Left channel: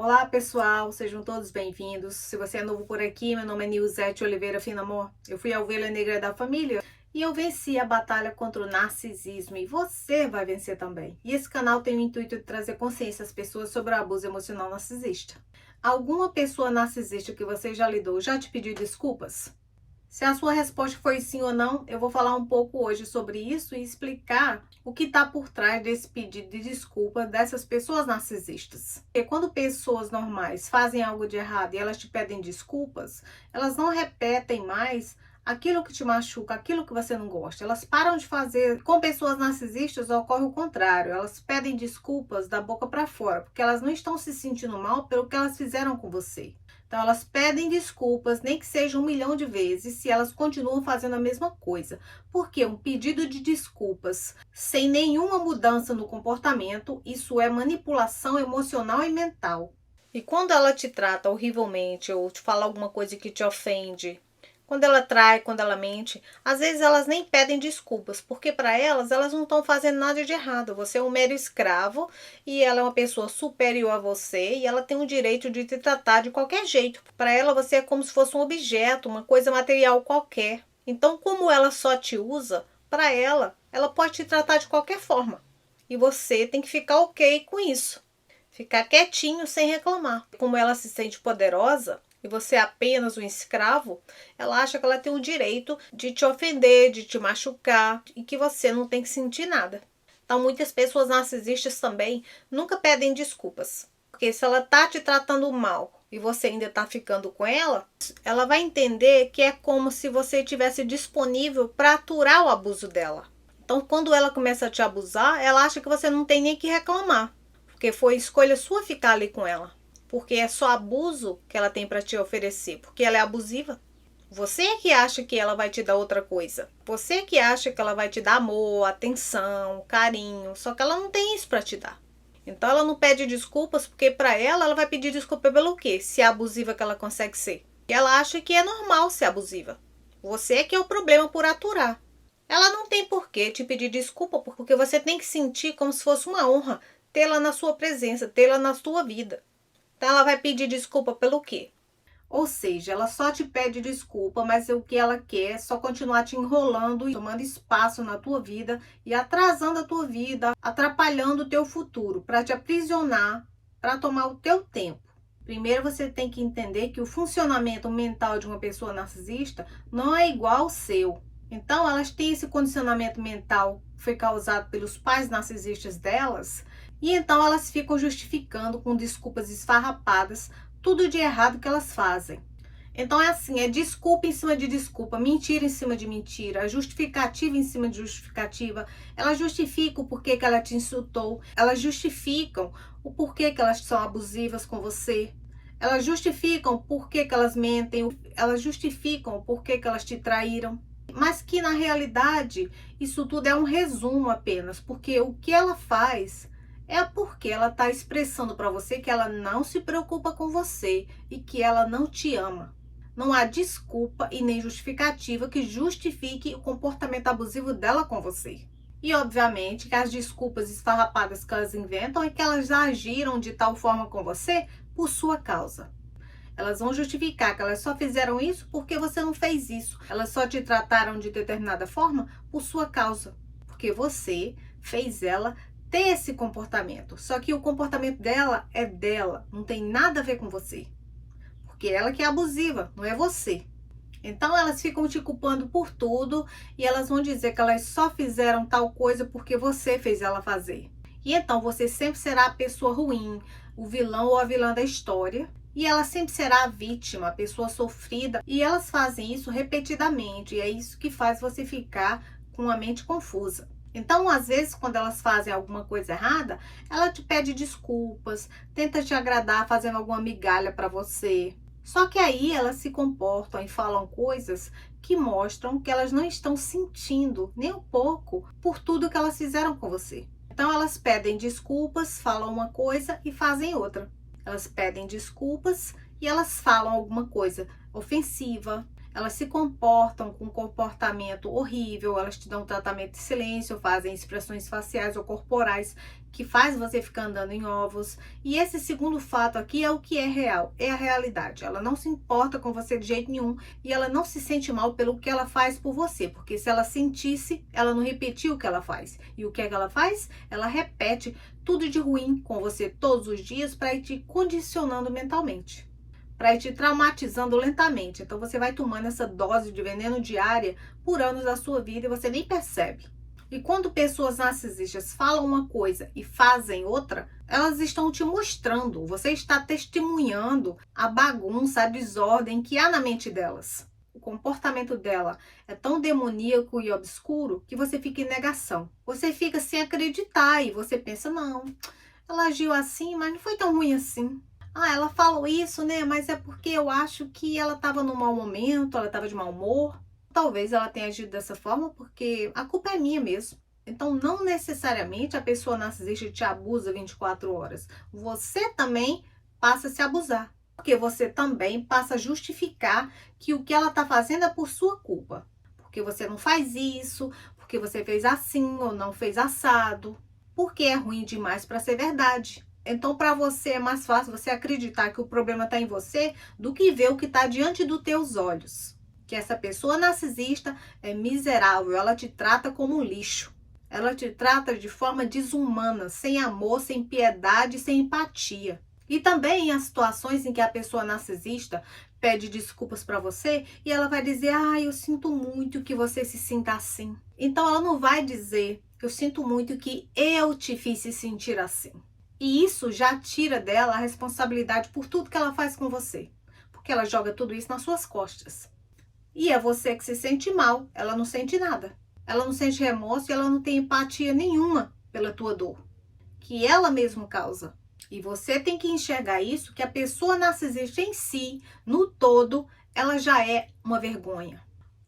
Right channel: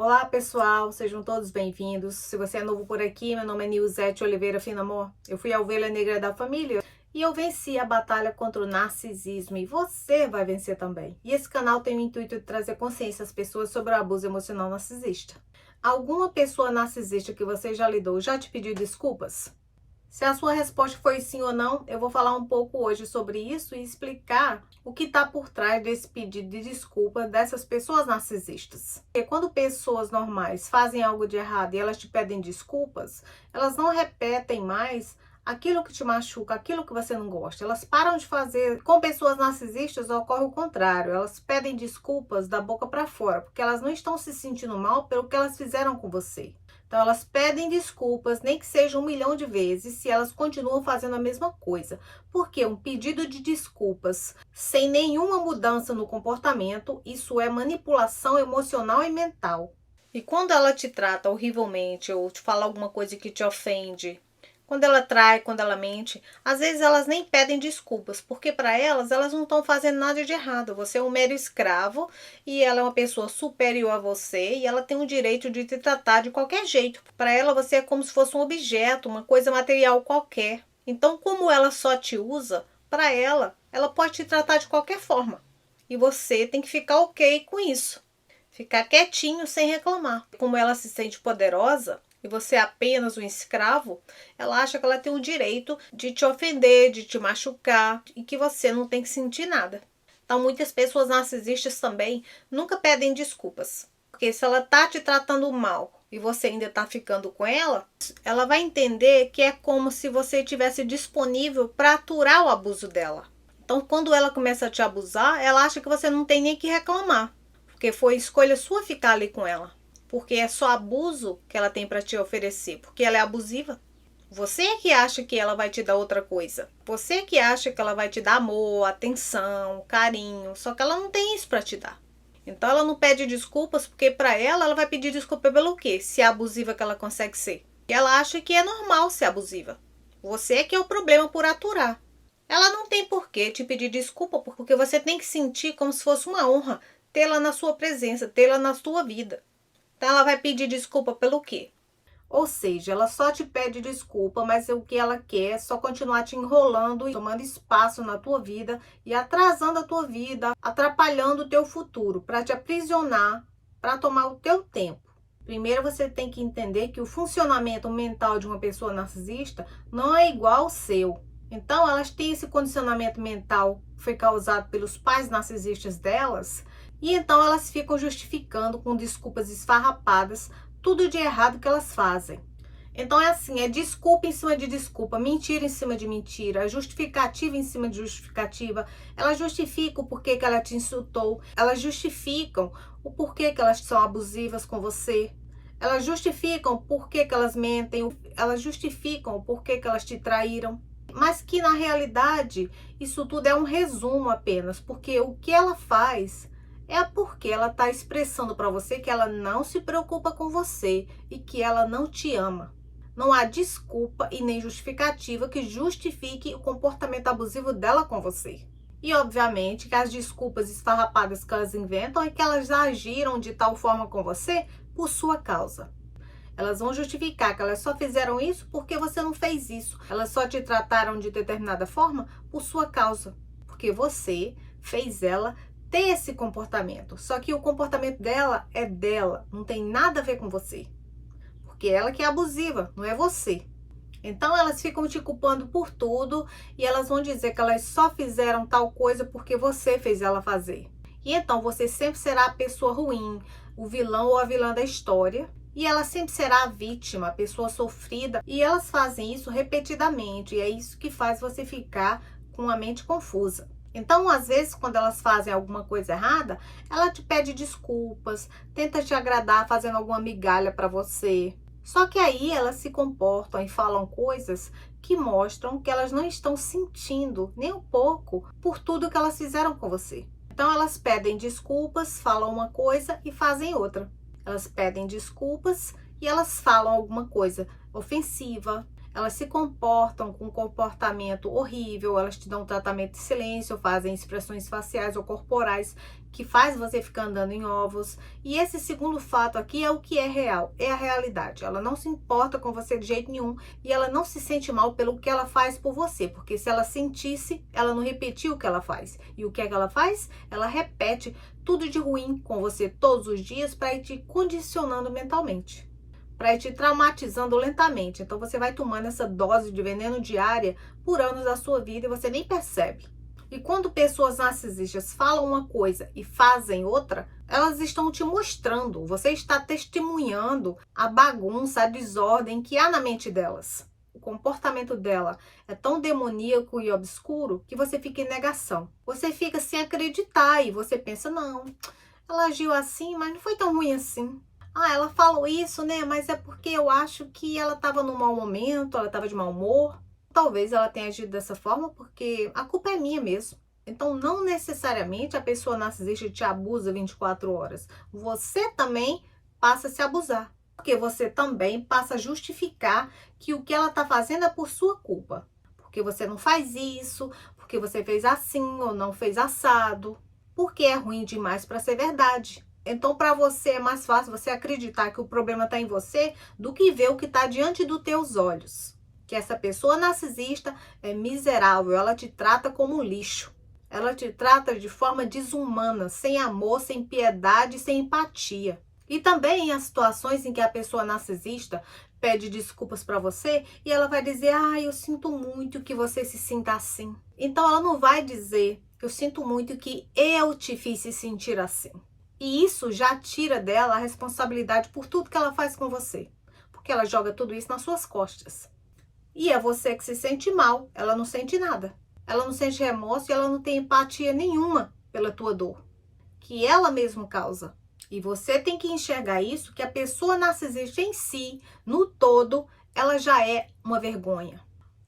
Olá pessoal, sejam todos bem-vindos. Se você é novo por aqui, meu nome é Nilzete Oliveira Finamor. Eu fui a ovelha negra da família e eu venci a batalha contra o narcisismo e você vai vencer também. E esse canal tem o intuito de trazer consciência às pessoas sobre o abuso emocional narcisista. Alguma pessoa narcisista que você já lidou já te pediu desculpas? Se a sua resposta foi sim ou não, eu vou falar um pouco hoje sobre isso e explicar o que está por trás desse pedido de desculpa dessas pessoas narcisistas. Porque quando pessoas normais fazem algo de errado e elas te pedem desculpas, elas não repetem mais aquilo que te machuca, aquilo que você não gosta. Elas param de fazer. Com pessoas narcisistas ocorre o contrário. Elas pedem desculpas da boca para fora, porque elas não estão se sentindo mal pelo que elas fizeram com você. Então, elas pedem desculpas, nem que seja 1 milhão de vezes, se elas continuam fazendo a mesma coisa. Porque um pedido de desculpas sem nenhuma mudança no comportamento, isso é manipulação emocional e mental. E quando ela te trata horrivelmente ou te fala alguma coisa que te ofende, quando ela trai, quando ela mente, às vezes elas nem pedem desculpas, porque para elas não estão fazendo nada de errado. Você é um mero escravo e ela é uma pessoa superior a você e ela tem o direito de te tratar de qualquer jeito. Para ela você é como se fosse um objeto, uma coisa material qualquer. Então, como ela só te usa, para ela pode te tratar de qualquer forma. E você tem que ficar ok com isso. Ficar quietinho sem reclamar. Como ela se sente poderosa, e você é apenas um escravo, ela acha que ela tem o direito de te ofender, de te machucar e que você não tem que sentir nada. Então, muitas pessoas narcisistas também nunca pedem desculpas. Porque se ela tá te tratando mal e você ainda tá ficando com ela vai entender que é como se você estivesse disponível para aturar o abuso dela. Então, quando ela começa a te abusar, ela acha que você não tem nem que reclamar. Porque foi escolha sua ficar ali com ela. Porque é só abuso que ela tem para te oferecer, porque ela é abusiva. Você é que acha que ela vai te dar outra coisa. Você é que acha que ela vai te dar amor, atenção, carinho, só que ela não tem isso para te dar. Então ela não pede desculpas, porque para ela vai pedir desculpa pelo quê? Se é abusiva que ela consegue ser. E ela acha que é normal ser abusiva. Você é que é o problema por aturar. Ela não tem por que te pedir desculpa, porque você tem que sentir como se fosse uma honra tê-la na sua presença, tê-la na sua vida. Então ela vai pedir desculpa pelo quê? Ou seja, ela só te pede desculpa, mas o que ela quer é só continuar te enrolando e tomando espaço na tua vida e atrasando a tua vida, atrapalhando o teu futuro, para te aprisionar, para tomar o teu tempo. Primeiro você tem que entender que o funcionamento mental de uma pessoa narcisista não é igual ao seu. Então elas têm esse condicionamento mental que foi causado pelos pais narcisistas delas. E então elas ficam justificando com desculpas esfarrapadas tudo de errado que elas fazem. Então é assim, é desculpa em cima de desculpa, mentira em cima de mentira, justificativa em cima de justificativa. Elas justificam o porquê que ela te insultou, elas justificam o porquê que elas são abusivas com você. Elas justificam o porquê que elas mentem, elas justificam o porquê que elas te traíram. Mas que na realidade isso tudo é um resumo apenas, porque o que ela faz é porque ela está expressando para você que ela não se preocupa com você e que ela não te ama. Não há desculpa e nem justificativa que justifique o comportamento abusivo dela com você. E obviamente que as desculpas esfarrapadas que elas inventam é que elas agiram de tal forma com você por sua causa. Elas vão justificar que elas só fizeram isso porque você não fez isso. Elas só te trataram de determinada forma por sua causa. Porque você fez ela ter esse comportamento. Só que o comportamento dela é dela, não tem nada a ver com você. Porque ela que é abusiva, não é você. Então elas ficam te culpando por tudo e elas vão dizer que elas só fizeram tal coisa porque você fez ela fazer. E então você sempre será a pessoa ruim, o vilão ou a vilã da história. E ela sempre será a vítima, a pessoa sofrida. E elas fazem isso repetidamente. E é isso que faz você ficar com a mente confusa. Então, às vezes, quando elas fazem alguma coisa errada, ela te pede desculpas, tenta te agradar fazendo alguma migalha para você. Só que aí elas se comportam e falam coisas que mostram que elas não estão sentindo nem um pouco por tudo que elas fizeram com você. Então, elas pedem desculpas, falam uma coisa e fazem outra. Elas pedem desculpas e elas falam alguma coisa ofensiva. Elas se comportam com um comportamento horrível, elas te dão um tratamento de silêncio, fazem expressões faciais ou corporais que faz você ficar andando em ovos. E esse segundo fato aqui é o que é real, é a realidade. Ela não se importa com você de jeito nenhum e ela não se sente mal pelo que ela faz por você, porque se ela sentisse, ela não repetia o que ela faz. E o que é que ela faz? Ela repete tudo de ruim com você todos os dias para ir te condicionando mentalmente, para ir te traumatizando lentamente. Então você vai tomando essa dose de veneno diária por anos da sua vida e você nem percebe. E quando pessoas narcisistas falam uma coisa e fazem outra, elas estão te mostrando, você está testemunhando a bagunça, a desordem que há na mente delas. O comportamento dela é tão demoníaco e obscuro que você fica em negação. Você fica sem acreditar e você pensa, não, ela agiu assim, mas não foi tão ruim assim. Ah, ela falou isso, né? Mas é porque eu acho que ela estava num mau momento, ela estava de mau humor. Talvez ela tenha agido dessa forma porque a culpa é minha mesmo. Então, não necessariamente a pessoa narcisista te abusa 24 horas. Você também passa a se abusar. Porque você também passa a justificar que o que ela está fazendo é por sua culpa. Porque você não faz isso, porque você fez assim ou não fez assado. Porque é ruim demais para ser verdade. Então, para você é mais fácil você acreditar que o problema está em você do que ver o que está diante dos teus olhos. Que essa pessoa narcisista é miserável, ela te trata como um lixo. Ela te trata de forma desumana, sem amor, sem piedade, sem empatia. E também há situações em que a pessoa narcisista pede desculpas para você e ela vai dizer, eu sinto muito que você se sinta assim. Então, ela não vai dizer, eu sinto muito que eu te fiz se sentir assim. E isso já tira dela a responsabilidade por tudo que ela faz com você. Porque ela joga tudo isso nas suas costas. E é você que se sente mal, ela não sente nada. Ela não sente remorso e ela não tem empatia nenhuma pela tua dor, que ela mesma causa. E você tem que enxergar isso, que a pessoa narcisista em si, no todo, ela já é uma vergonha.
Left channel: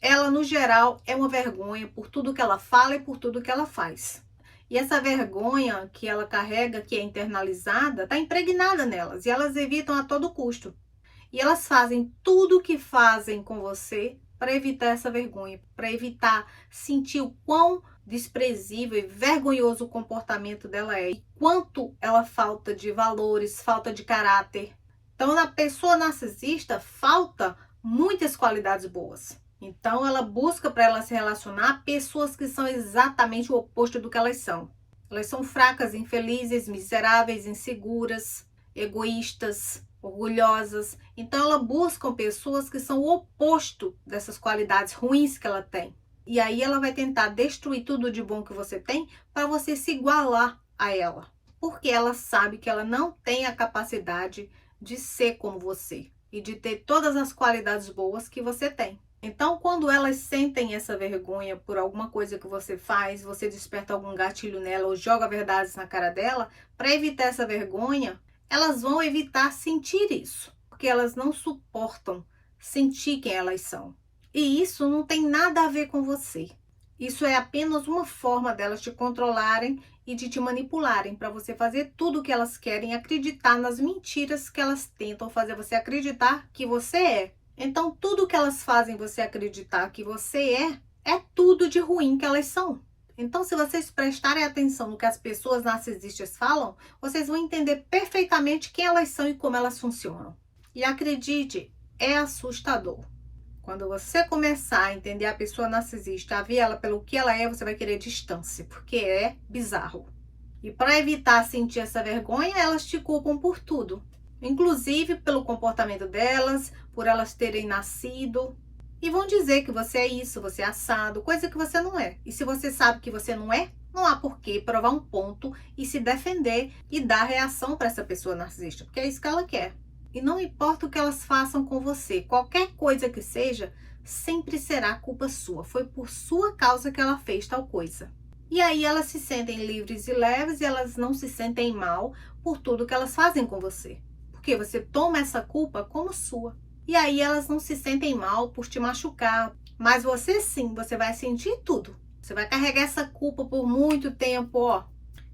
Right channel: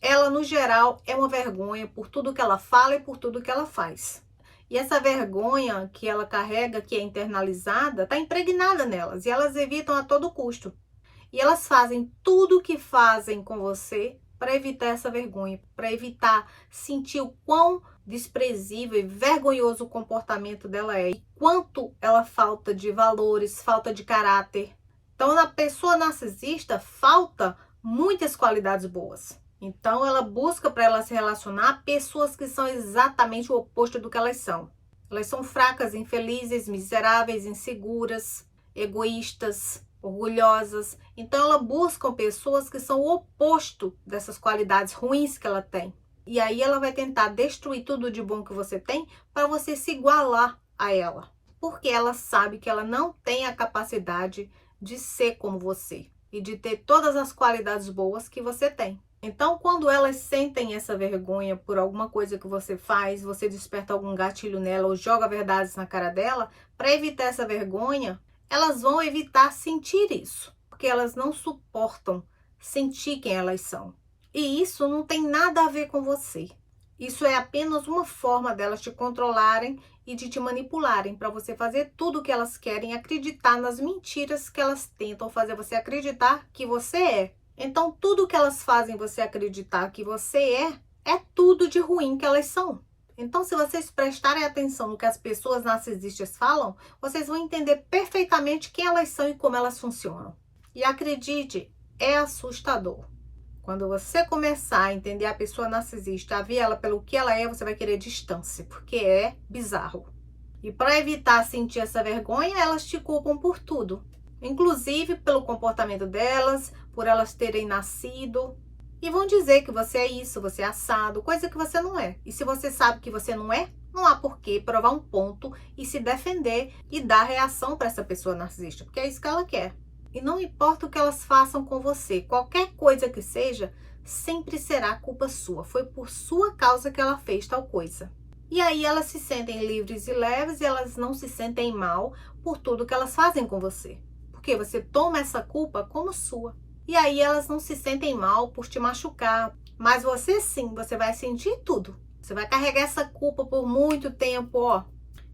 Ela, no geral, é uma vergonha por tudo que ela fala e por tudo que ela faz. E essa vergonha que ela carrega, que é internalizada, está impregnada nelas. E elas evitam a todo custo. E elas fazem tudo o que fazem com você para evitar essa vergonha. Para evitar sentir o quão desprezível e vergonhoso o comportamento dela é. E quanto ela falta de valores, falta de caráter. Então, na pessoa narcisista, falta muitas qualidades boas. Então, ela busca para ela se relacionar pessoas que são exatamente o oposto do que elas são. Elas são fracas, infelizes, miseráveis, inseguras, egoístas, orgulhosas. Então, ela busca pessoas que são o oposto dessas qualidades ruins que ela tem. E aí, ela vai tentar destruir tudo de bom que você tem para você se igualar a ela. Porque ela sabe que ela não tem a capacidade de ser como você e de ter todas as qualidades boas que você tem. Então, quando elas sentem essa vergonha por alguma coisa que você faz, você desperta algum gatilho nela ou joga verdades na cara dela, para evitar essa vergonha, elas vão evitar sentir isso, porque elas não suportam sentir quem elas são. E isso não tem nada a ver com você. Isso é apenas uma forma delas te controlarem e de te manipularem para você fazer tudo o que elas querem, acreditar nas mentiras que elas tentam fazer você acreditar que você é. Então, tudo que elas fazem você acreditar que você é tudo de ruim que elas são. Então, se vocês prestarem atenção no que as pessoas narcisistas falam, vocês vão entender perfeitamente quem elas são e como elas funcionam. E acredite, é assustador. Quando você começar a entender a pessoa narcisista, a ver ela pelo que ela é, você vai querer distância, porque é bizarro. E para evitar sentir essa vergonha, elas te culpam por tudo. Inclusive pelo comportamento delas, por elas terem nascido. E vão dizer que você é isso, você é assado, coisa que você não é. E se você sabe que você não é, não há por que provar um ponto e se defender e dar reação para essa pessoa narcisista, porque é isso que ela quer. E não importa o que elas façam com você, qualquer coisa que seja, sempre será culpa sua. Foi por sua causa que ela fez tal coisa. E aí elas se sentem livres e leves e elas não se sentem mal por tudo que elas fazem com você. Porque você toma essa culpa como sua. E aí elas não se sentem mal por te machucar. Mas você sim, você vai sentir tudo. Você vai carregar essa culpa por muito tempo, ó.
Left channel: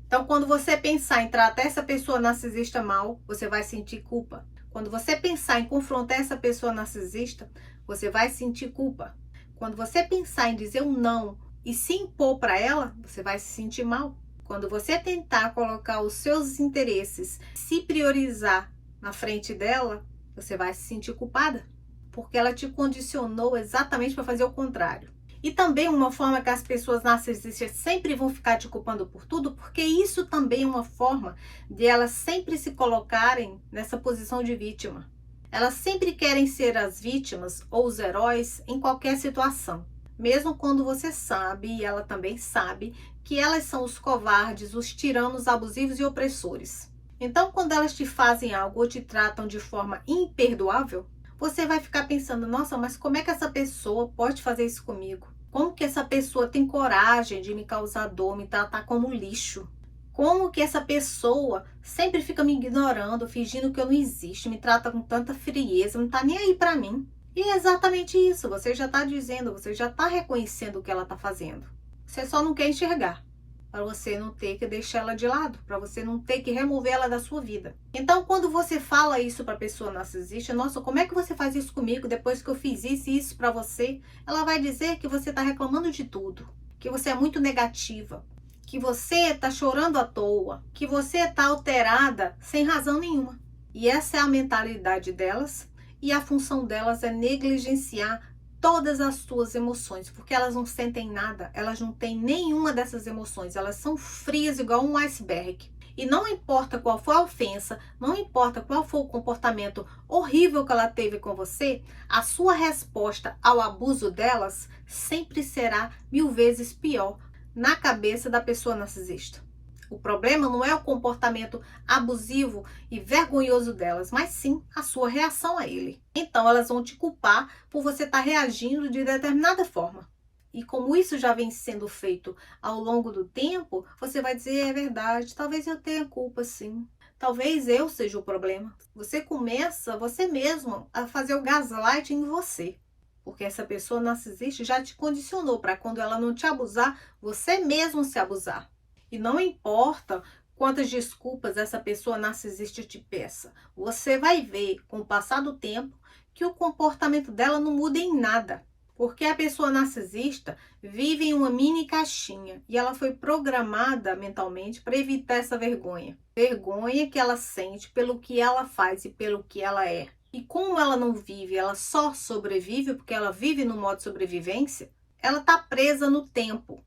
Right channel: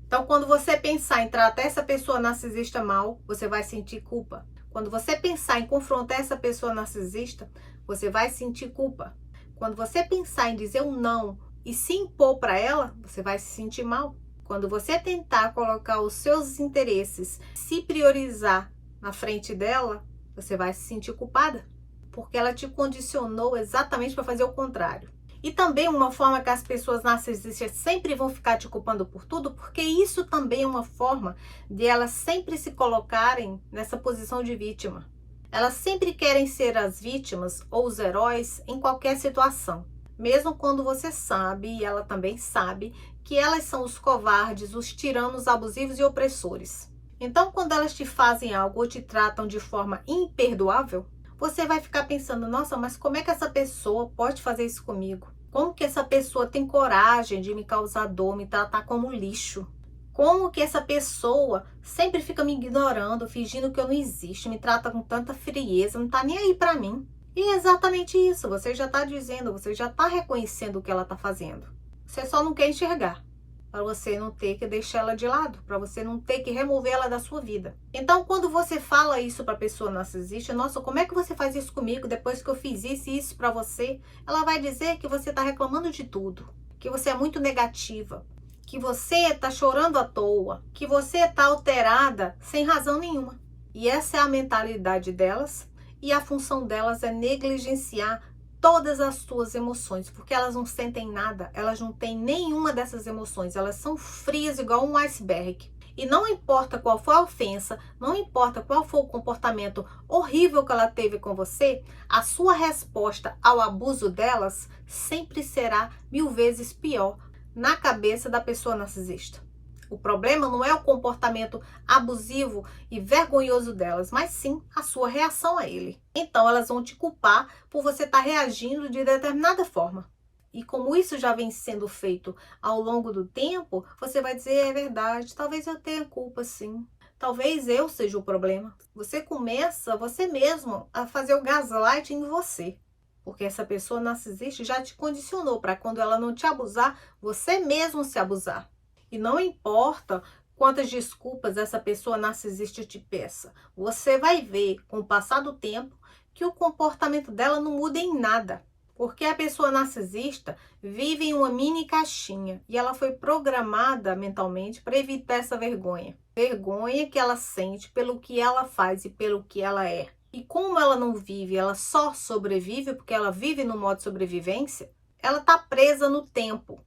Então, quando você pensar em tratar essa pessoa narcisista mal, você vai sentir culpa. Quando você pensar em confrontar essa pessoa narcisista, você vai sentir culpa. Quando você pensar em dizer um não e se impor para ela, você vai se sentir mal. Quando você tentar colocar os seus interesses, se priorizar na frente dela, você vai se sentir culpada, porque ela te condicionou exatamente para fazer o contrário. E também uma forma que as pessoas narcisistas sempre vão ficar te culpando por tudo, porque isso também é uma forma de elas sempre se colocarem nessa posição de vítima. Elas sempre querem ser as vítimas ou os heróis em qualquer situação. Mesmo quando você sabe, e ela também sabe, que elas são os covardes, os tiranos abusivos e opressores. Então, quando elas te fazem algo ou te tratam de forma imperdoável, você vai ficar pensando, nossa, mas como é que essa pessoa pode fazer isso comigo? Como que essa pessoa tem coragem de me causar dor, me tratar como lixo? Como que essa pessoa sempre fica me ignorando, fingindo que eu não existo, me trata com tanta frieza, não tá nem aí pra mim? E é exatamente isso, você já tá dizendo, você já tá reconhecendo o que ela tá fazendo. Você só não quer enxergar, para você não ter que deixar ela de lado, para você não ter que remover ela da sua vida. Então, quando você fala isso para a pessoa narcisista, nossa, como é que você faz isso comigo depois que eu fiz isso e isso para você? Ela vai dizer que você está reclamando de tudo, que você é muito negativa, que você está chorando à toa, que você está alterada sem razão nenhuma. E essa é a mentalidade delas, e a função delas é negligenciar todas as suas emoções, porque elas não sentem nada, elas não têm nenhuma dessas emoções, elas são frias igual um iceberg. E não importa qual for a ofensa, não importa qual for o comportamento horrível que ela teve com você, a sua resposta ao abuso delas sempre será 1000 vezes pior na cabeça da pessoa narcisista. O problema não é o comportamento abusivo e vergonhoso delas, mas sim a sua reação a ele. Então elas vão te culpar por você estar reagindo de determinada forma. E como isso já vem sendo feito ao longo do tempo, você vai dizer, é verdade, talvez eu tenha culpa sim. Talvez eu seja o problema. Você começa, você mesmo, a fazer o gaslight em você. Porque essa pessoa narcisista já te condicionou para quando ela não te abusar, você mesmo se abusar. E não importa quantas desculpas essa pessoa narcisista te peça, você vai ver com o passar do tempo que o comportamento dela não muda em nada. Porque a pessoa narcisista vive em uma mini caixinha e ela foi programada mentalmente para evitar essa vergonha. Vergonha que ela sente pelo que ela faz e pelo que ela é. E como ela não vive, ela só sobrevive porque ela vive no modo sobrevivência, ela está presa no tempo.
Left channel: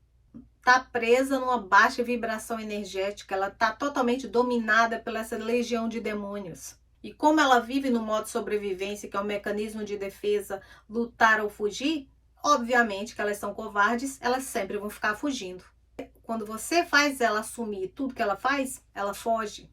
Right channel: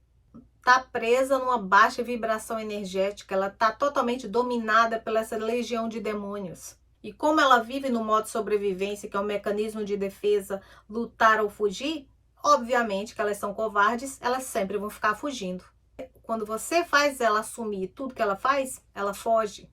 Está presa numa baixa vibração energética, ela está totalmente dominada pela essa legião de demônios. E como ela vive no modo sobrevivência, que é um mecanismo de defesa, lutar ou fugir, obviamente que elas são covardes, elas sempre vão ficar fugindo. Quando você faz ela assumir tudo que ela faz, ela foge.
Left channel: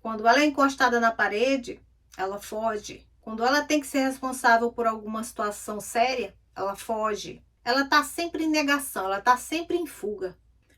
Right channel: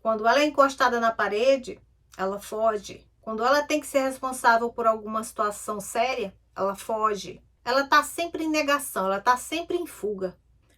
Quando ela é encostada na parede, ela foge. Quando ela tem que ser responsável por alguma situação séria, ela foge. Ela está sempre em negação, ela está sempre em fuga.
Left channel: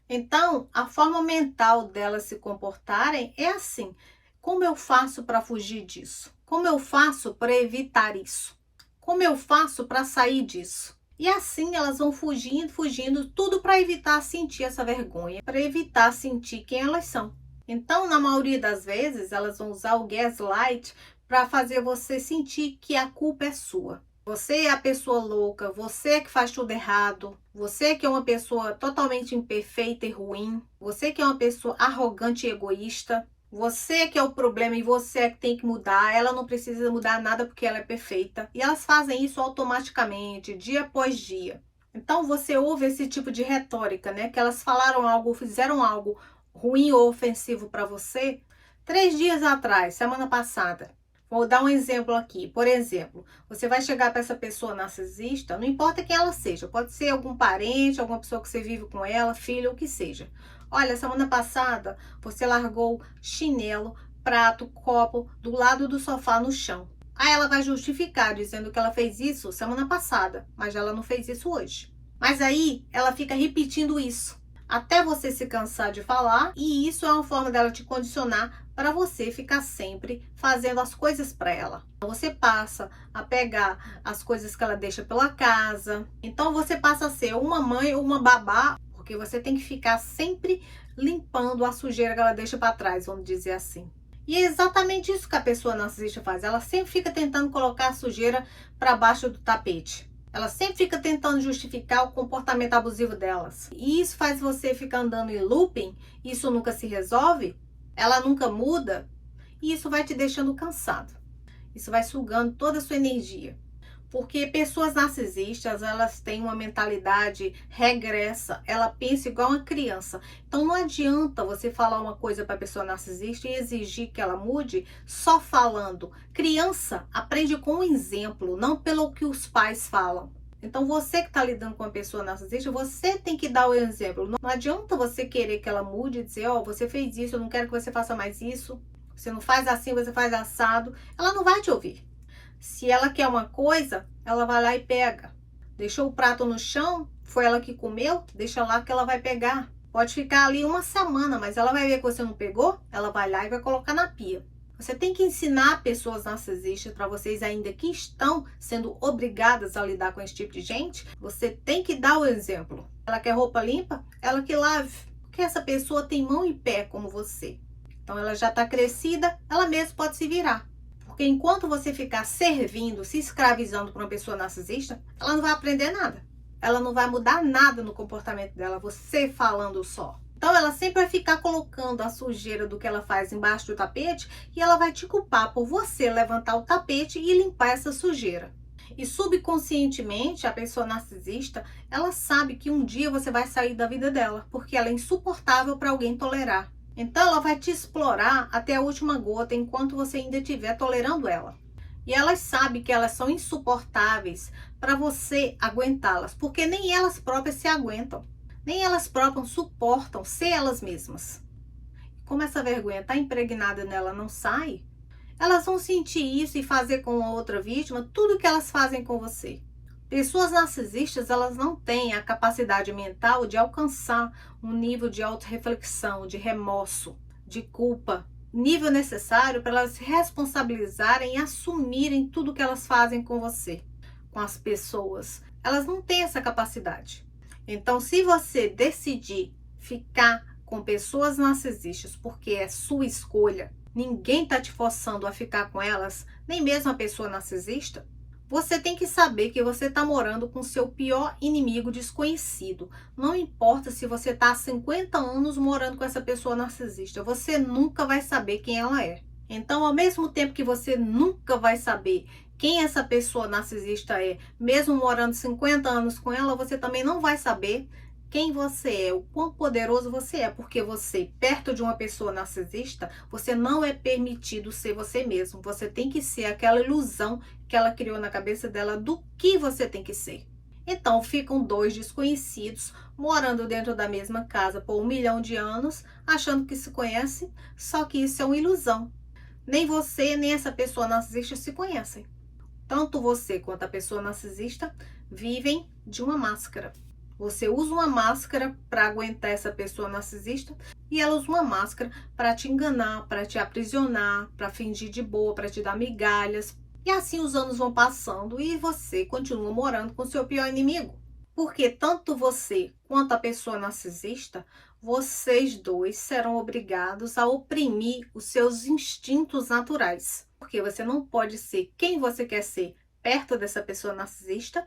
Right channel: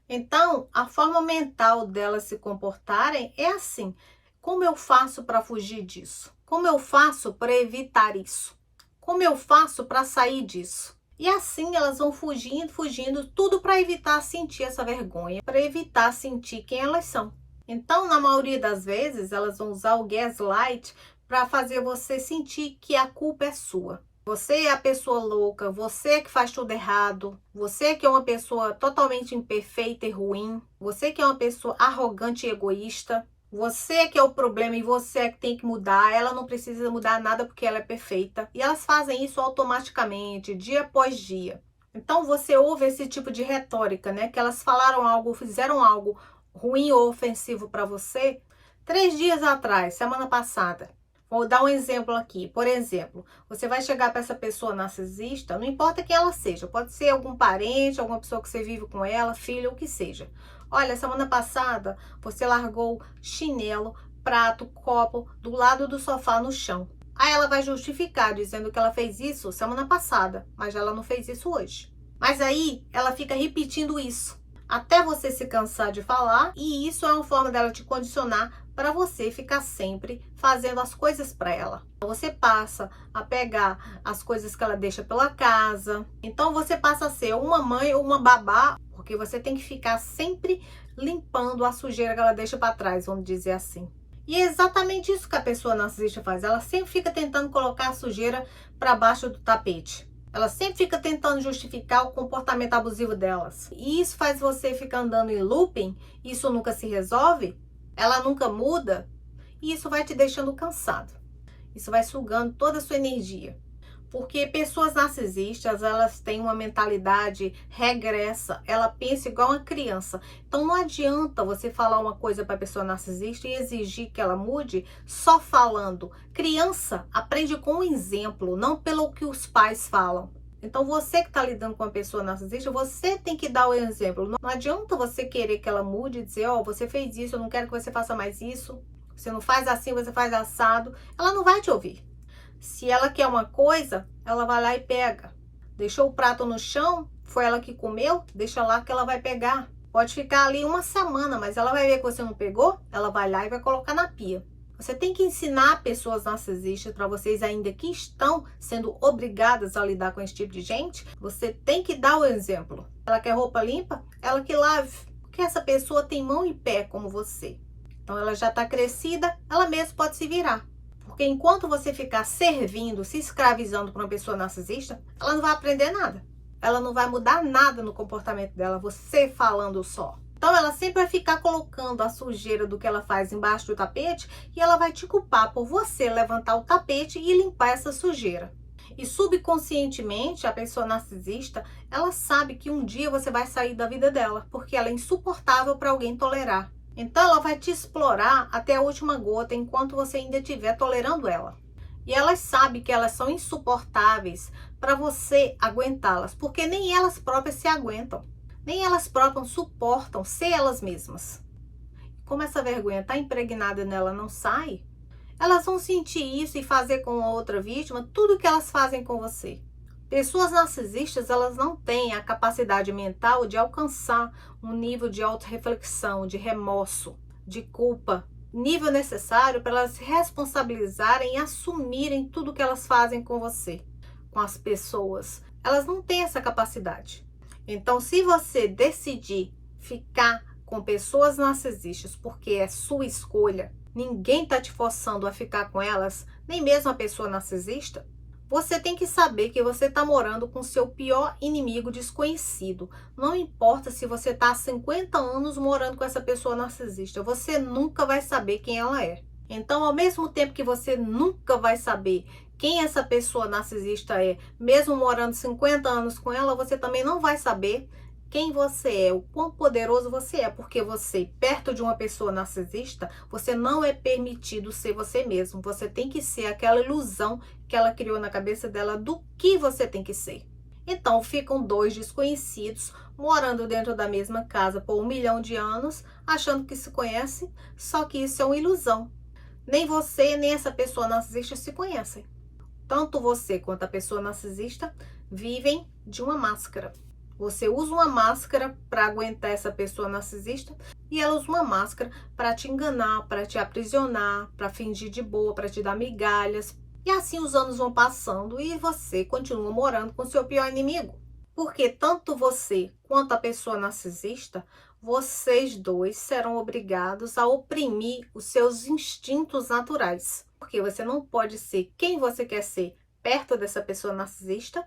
Então, a forma mental delas se comportarem é assim. Como eu faço para fugir disso? Como eu faço para evitar isso? Como eu faço para sair disso? E assim elas vão fugindo, tudo para evitar sentir essa vergonha, para evitar sentir quem elas são. Então, na maioria das vezes, elas vão usar o gaslight para fazer você sentir que a culpa é sua. Você é a pessoa louca, você é que faz tudo errado, você é que é uma pessoa totalmente imperfeita e ruim, você que é uma pessoa arrogante e egoísta, você é que é o problema e você é que tem que mudar, ela não precisa mudar nada porque ela é perfeita. E elas fazem isso automaticamente, dia após dia. Então você ouve esse tipo de retórica, né? Que elas falaram algo, fizeram algo ruim ou ofensivo para você 3 dias atrás, semana passada. Vou dar um exemplo aqui. Por exemplo, você vai chegar para essa pessoa narcisista, não importa quem ela seja, pode ser algum parente, alguma pessoa que você vive com ela, filho, o que seja. Olha, semana passada você largou chinelo, prato, copo do lado do sofá no chão. Aí ela vai justificar dizendo que ela fez isso semana passada, mas ela não fez isso hoje. Mas aí ela fica repetindo isso até você se cansar de falar, e isso é uma forma dela te condicionar para você ficar sempre fazendo as coisas para ela. Você passa a pegar as coisas que ela deixa pela casa. Então você passa a ser uma mãe ou uma babá, porque você tem que ficar sempre limpando a sujeira que ela deixa para trás, vamos dizer assim. E é exatamente isso que a pessoa narcisista faz. Ela sempre fica tentando colocar a sujeira para baixo do tapete. Ela sempre fica tentando justificar o comportamento abusivo delas. E isso faz você ficar andando em looping, isso nunca se resolve, ela nunca muda, e isso vai te deixando cansado. Isso vai sugando toda a sua energia. Porque pessoas narcisistas, elas têm uma mentalidade regressa, ela pensa igual uma criança. Então não adianta você falar uma coisa para a pessoa narcisista e exigir que ela mude só falando. Criança aprende com um exemplo, não pelo que os pais falam. Então você que está lidando com uma pessoa narcisista, você tem que dar o exemplo. Não adianta você querer que ela mude e dizer, ó, você fez isso, eu não quero que você faça mais isso. Você não faz assim, você faz assado. Ela não vai te ouvir. Se ela quer uma coisa, ela vai lá e pega. Deixou o prato no chão, foi ela que comeu, deixa lá que ela vai pegar. Pode ficar ali uma semana, mas ela vai ver que você não pegou, ela vai lá e vai colocar na pia. Você tem que ensinar pessoas narcisistas, para vocês ainda que estão sendo obrigadas a lidar com esse tipo de gente, você tem que dar o exemplo. Ela quer roupa limpa? Ela que lave. Porque essa pessoa tem mão e pé como você. Então ela já está crescida, ela mesma pode se virar. Porque enquanto você ficar servindo, se escravizando para uma pessoa narcisista, ela não vai aprender nada. Ela não vai mudar nada no comportamento dela, você falando só. Então ela sempre vai ficar colocando a sujeira do que ela faz embaixo do tapete e ela vai te culpar por você levantar o tapete e limpar essa sujeira. E subconscientemente, a pessoa narcisista, ela sabe que um dia você vai sair da vida dela, porque ela é insuportável para alguém tolerar. Então ela vai te explorar até a última gota enquanto você ainda estiver tolerando ela. E elas sabem que elas são insuportáveis para você aguentá-las, porque nem elas próprias se aguentam. Nem elas próprias suportam ser elas mesmas. Como essa vergonha está impregnada nela, não sai, elas vão sentir isso e fazer com a outra vítima tudo que elas fazem com você. Pessoas narcisistas, elas não têm a capacidade mental de alcançar um nível de autorreflexão, de remorso, de culpa, nível necessário para elas se responsabilizarem e assumirem tudo que elas fazem com você, com as pessoas. Elas não têm essa capacidade. Então, se você decidir ficar com pessoas narcisistas porque é sua escolha, ninguém está te forçando a ficar com elas, nem mesmo a pessoa narcisista, você tem que saber que você está morando com seu pior inimigo desconhecido. Não importa se você está há 50 anos morando com essa pessoa narcisista, você nunca vai saber quem ela é. Então, ao mesmo tempo que você nunca vai saber quem essa pessoa narcisista é, mesmo morando 50 anos com ela, você também não vai saber quem você é, o quão poderoso você é, porque você, perto de uma pessoa narcisista, você não é permitido ser você mesmo. Você tem que ser aquela ilusão que ela criou na cabeça dela do que você tem que ser. Então, ficam dois desconhecidos morando dentro da mesma casa por 1 milhão de anos, achando que se conhecem, só que isso é uma ilusão. Nem você, nem essa pessoa narcisista se conhecem. Tanto você quanto a pessoa narcisista vivem de uma máscara. Você usa uma máscara para aguentar essa pessoa narcisista e ela usa uma máscara para te enganar, para te aprisionar, para fingir de boa, para te dar migalhas. E assim os anos vão passando e você continua morando com seu pior inimigo. Porque tanto você quanto a pessoa narcisista, vocês dois serão obrigados a oprimir os seus instintos naturais. Porque você não pode ser quem você quer ser perto dessa pessoa narcisista.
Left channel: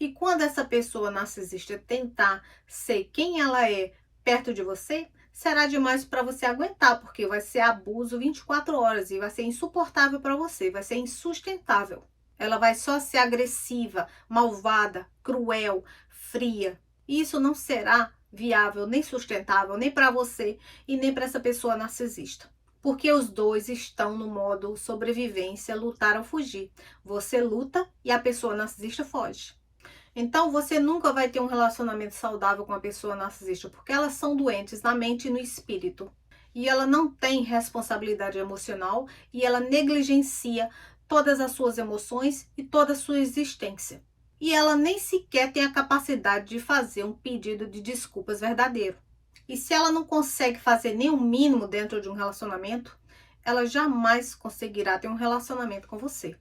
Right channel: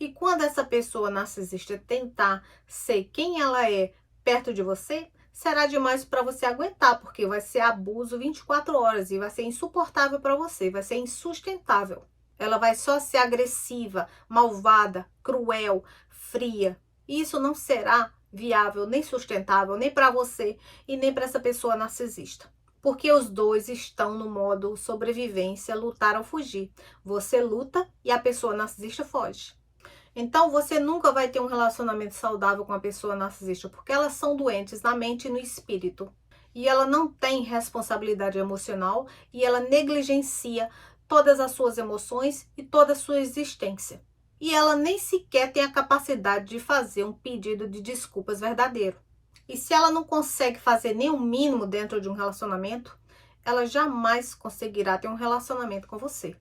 E quando essa pessoa narcisista tentar ser quem ela é perto de você, será demais para você aguentar, porque vai ser abuso 24 horas e vai ser insuportável para você, vai ser insustentável. Ela vai só ser agressiva, malvada, cruel, fria. Isso não será viável, nem sustentável, nem para você e nem para essa pessoa narcisista. Porque os dois estão no modo sobrevivência, lutar ou fugir. Você luta e a pessoa narcisista foge. Então, você nunca vai ter um relacionamento saudável com a pessoa narcisista, porque elas são doentes na mente e no espírito. E ela não tem responsabilidade emocional e ela negligencia todas as suas emoções e toda a sua existência. E ela nem sequer tem a capacidade de fazer um pedido de desculpas verdadeiro. E se ela não consegue fazer nem o mínimo dentro de um relacionamento, ela jamais conseguirá ter um relacionamento com você.